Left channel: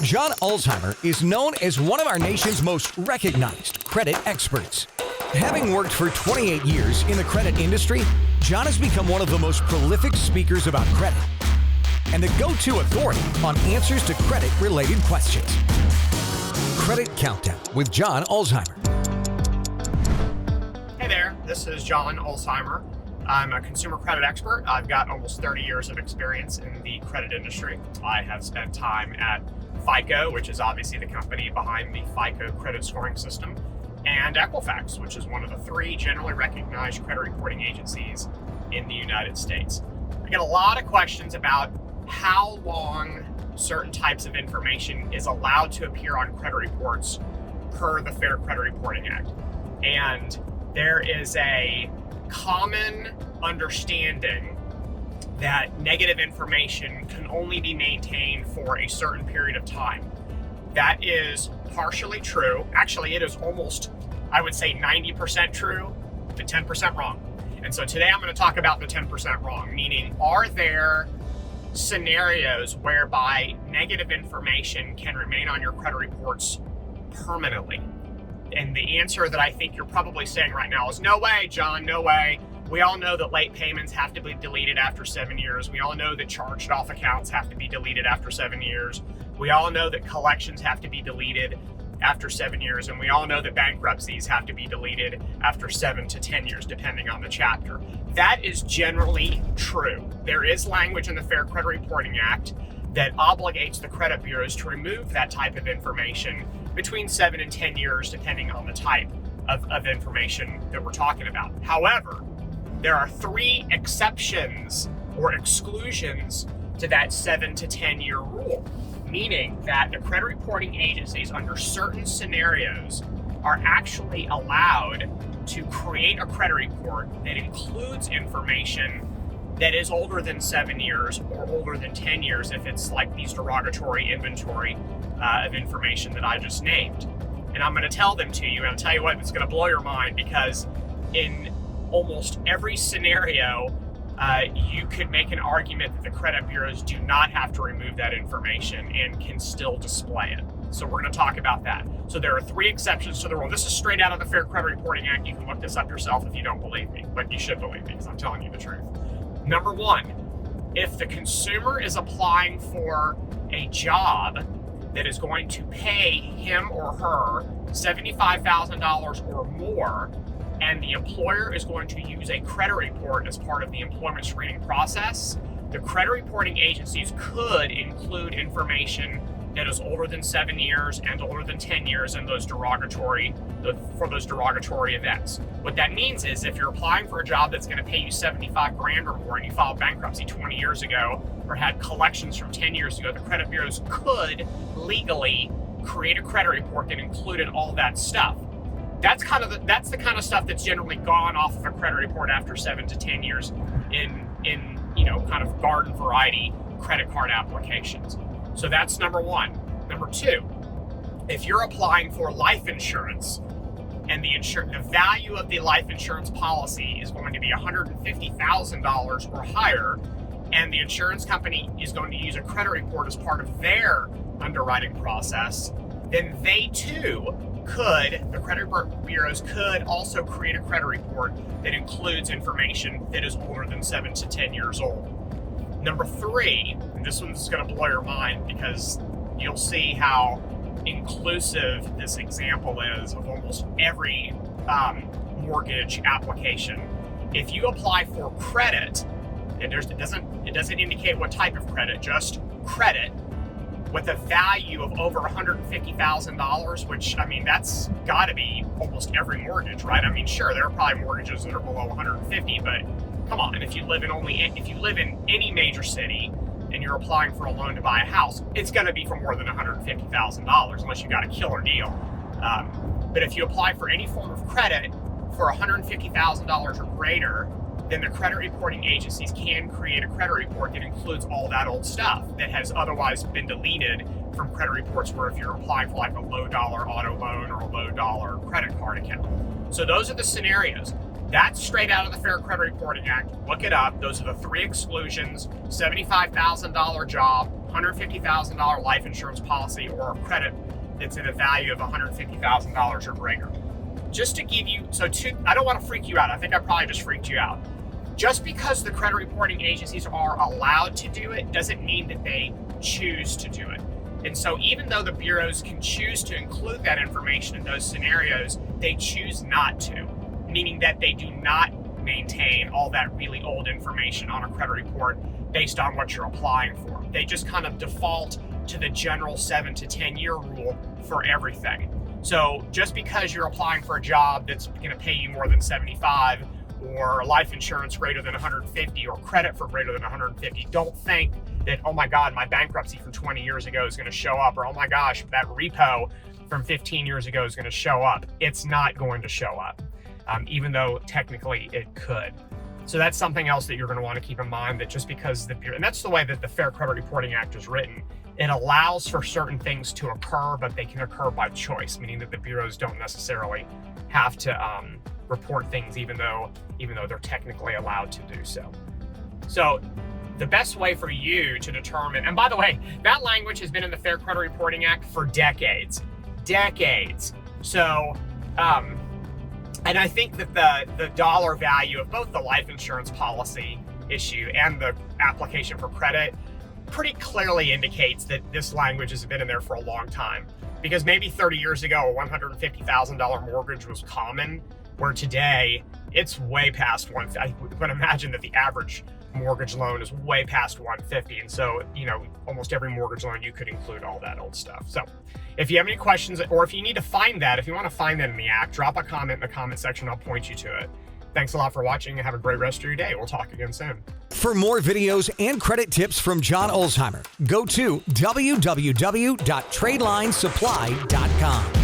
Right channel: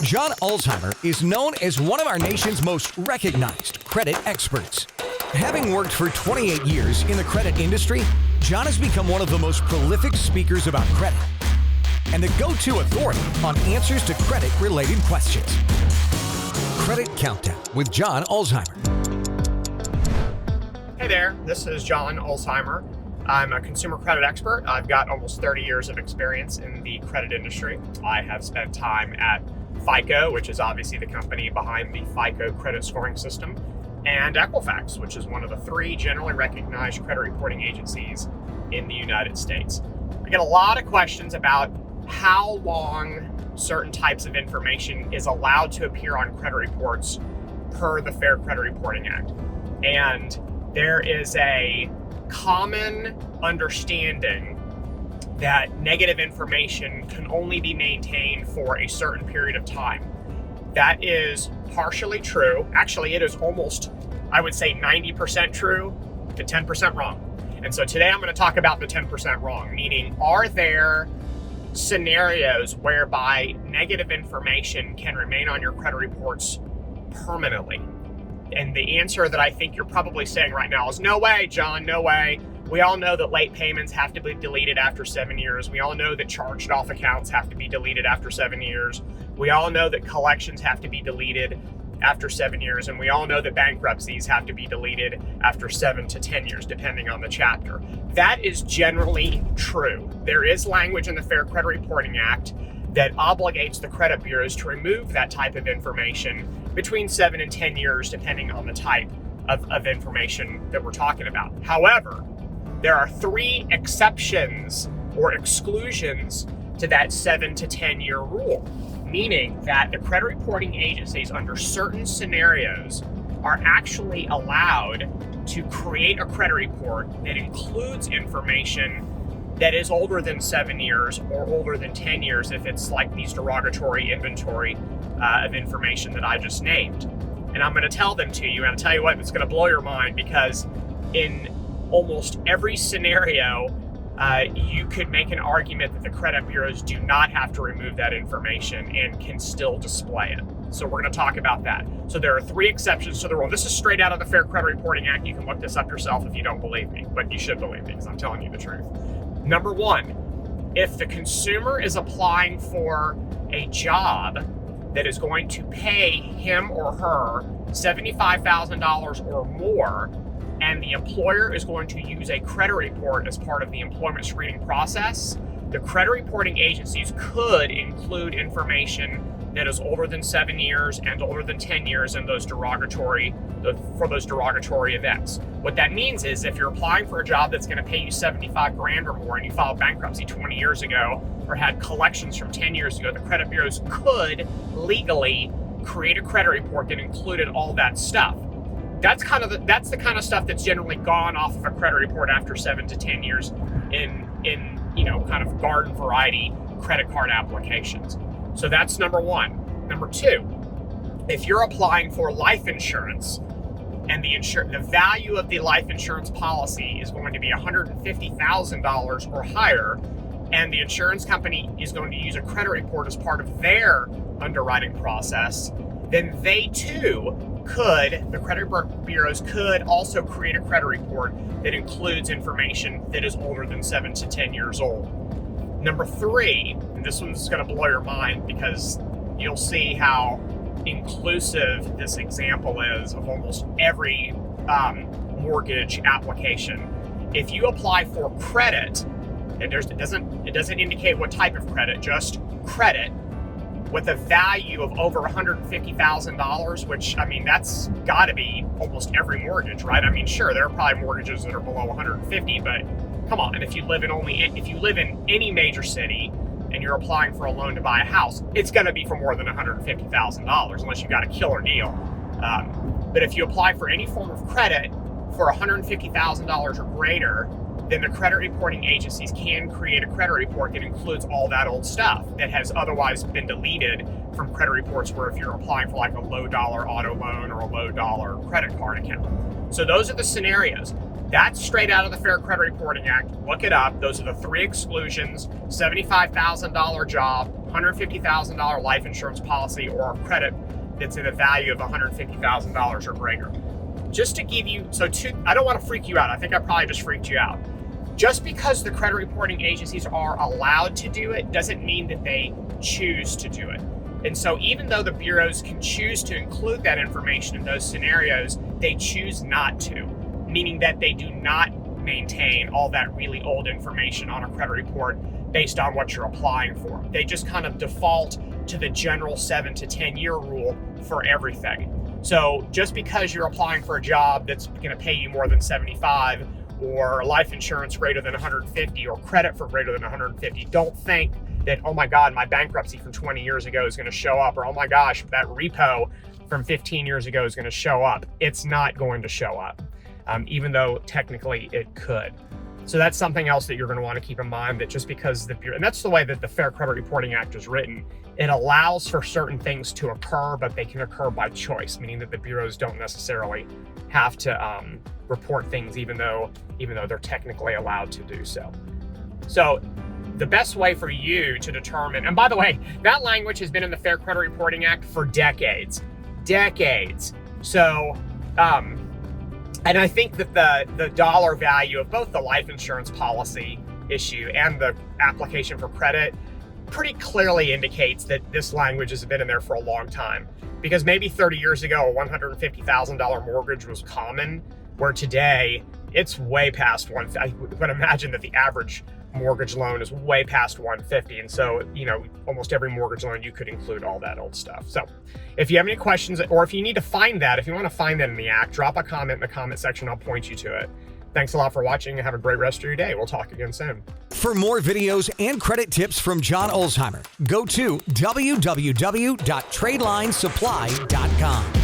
John Ulzheimer is known as one of our nation's most recognized credit experts. Having worked for 28 years in the credit industry, John has become one of the most prolific speakers about credit and the go-to authority on answers to credit-related questions. Credit Countdown with John Ulzheimer. Hey there, this is John Ulzheimer. I'm a consumer credit expert. I've got almost 30 years of experience in the credit industry. I have spent time at FICO, which is obviously the company behind the FICO credit scoring system, and Equifax, which is one of the three generally recognized credit reporting agencies in the United States. I get a lot of questions about how long certain types of information is allowed to appear on credit reports per the Fair Credit Reporting Act. And there is a common understanding that negative information can only be maintained for a certain period of time. That is partially true. Actually, it is almost, I would say, 90% true to 10% wrong. And so today I'm going to talk about the 10% wrong, meaning are there scenarios whereby negative information can remain on your credit reports permanently? And the answer that I think you're probably saying right now is no way, John, no way. We all know that late payments have to be deleted after 7 years. We all know that charged off accounts have to be deleted after 7 years. We all know that collections have to be deleted after 7 years. And we all know that bankruptcies have to be deleted after 7 to 10 years, depending on the chapter. That is generally true. There is language in the Fair Credit Reporting Act that obligates the credit bureaus to remove that type of information between 7 and 10 years, depending on the type of information that we're talking about. However, there are three exceptions or exclusions to that 7 to 10 year rule, meaning that the credit reporting agencies under certain scenarios are actually allowed to create a credit report that includes information that is older than 7 years or older than 10 years if it's like these derogatory inventory of information that I just named. And I'm going to tell them to you, and I'll tell you what, it's going to blow your mind, because in almost every scenario, you could make an argument that the credit bureaus do not have to remove that information and can still display it. So we're going to talk about that. So there are three exceptions to the rule. This is straight out of the Fair Credit Reporting Act. You can look this up yourself if you don't believe me, but you should believe me because I'm telling you the truth. Number one, if the consumer is applying for a job that is going to pay him or her $75,000 or more, and the employer is going to use a credit report as part of the employment screening process, the credit reporting agencies could include information that is older than 7 years and older than 10 years in those derogatory events. What that means is if you're applying for a job that's going to pay you $75,000 or more and you filed bankruptcy 20 years ago or had collections from 10 years ago, the credit bureaus could legally create a credit report that included all that stuff. That's the kind of stuff that's generally gone off of a credit report after 7 to 10 years in kind of garden variety credit card applications. So that's number one. Number two, if you're applying for life insurance and the value of the life insurance policy is going to be $150,000 or higher, and the insurance company is going to use a credit report as part of their underwriting process, then they too the credit bureaus could also create a credit report that includes information that is older than 7 to 10 years old. Number three, and this one's going to blow your mind because you'll see how inclusive this example is of almost every mortgage application. If you apply for credit, and it doesn't indicate what type of credit, just credit, with a value of over $150,000, which, I mean, that's got to be almost every mortgage, right? I mean, sure, there are probably mortgages that are below 150, but come on, if you live in any major city and you're applying for a loan to buy a house, it's going to be for more than $150,000 unless you got a killer deal. But if you apply for any form of credit for $150,000 or greater, then the credit reporting agencies can create a credit report that includes all that old stuff that has otherwise been deleted from credit reports where if you're applying for like a low dollar auto loan or a low dollar credit card account. So those are the scenarios. That's straight out of the Fair Credit Reporting Act. Look it up. Those are the three exclusions: $75,000 job, $150,000 life insurance policy or a credit that's in a value of $150,000 or greater. Just to give you, I don't want to freak you out. I think I probably just freaked you out. Just because the credit reporting agencies are allowed to do it doesn't mean that they choose to do it. And so even though the bureaus can choose to include that information in those scenarios, they choose not to, meaning that they do not maintain all that really old information on a credit report based on what you're applying for. They just kind of default to the general 7 to 10 year rule for everything. So just because you're applying for a job that's going to pay you more than 75, or life insurance greater than 150, or credit for greater than 150, don't think that, oh my God, my bankruptcy from 20 years ago is going to show up, or oh my gosh, that repo from 15 years ago is going to show up. It's not going to show up, even though technically it could. So that's something else that you're going to want to keep in mind, that just because the Bureau, and that's the way that the Fair Credit Reporting Act is written, it allows for certain things to occur, but they can occur by choice, meaning that the bureaus don't necessarily have to report things even though they're technically allowed to do so. So the best way for you to determine, and by the way, that language has been in the Fair Credit Reporting Act for decades. So, and I think that the dollar value of both the life insurance policy issue and the application for credit pretty clearly indicates that this language has been in there for a long time. Because maybe 30 years ago, a $150,000 mortgage was common, where today it's way past I would imagine that the average mortgage loan is way past 150. And so, almost every mortgage loan, you could include all that old stuff. So if you have any questions, or if you need to find that, if you want to find that in the act, drop a comment in the comment section. I'll point you to it. Thanks a lot for watching, and have a great rest of your day. We'll talk again soon. For more videos and credit tips from John Ulzheimer, go to www.tradelinesupply.com.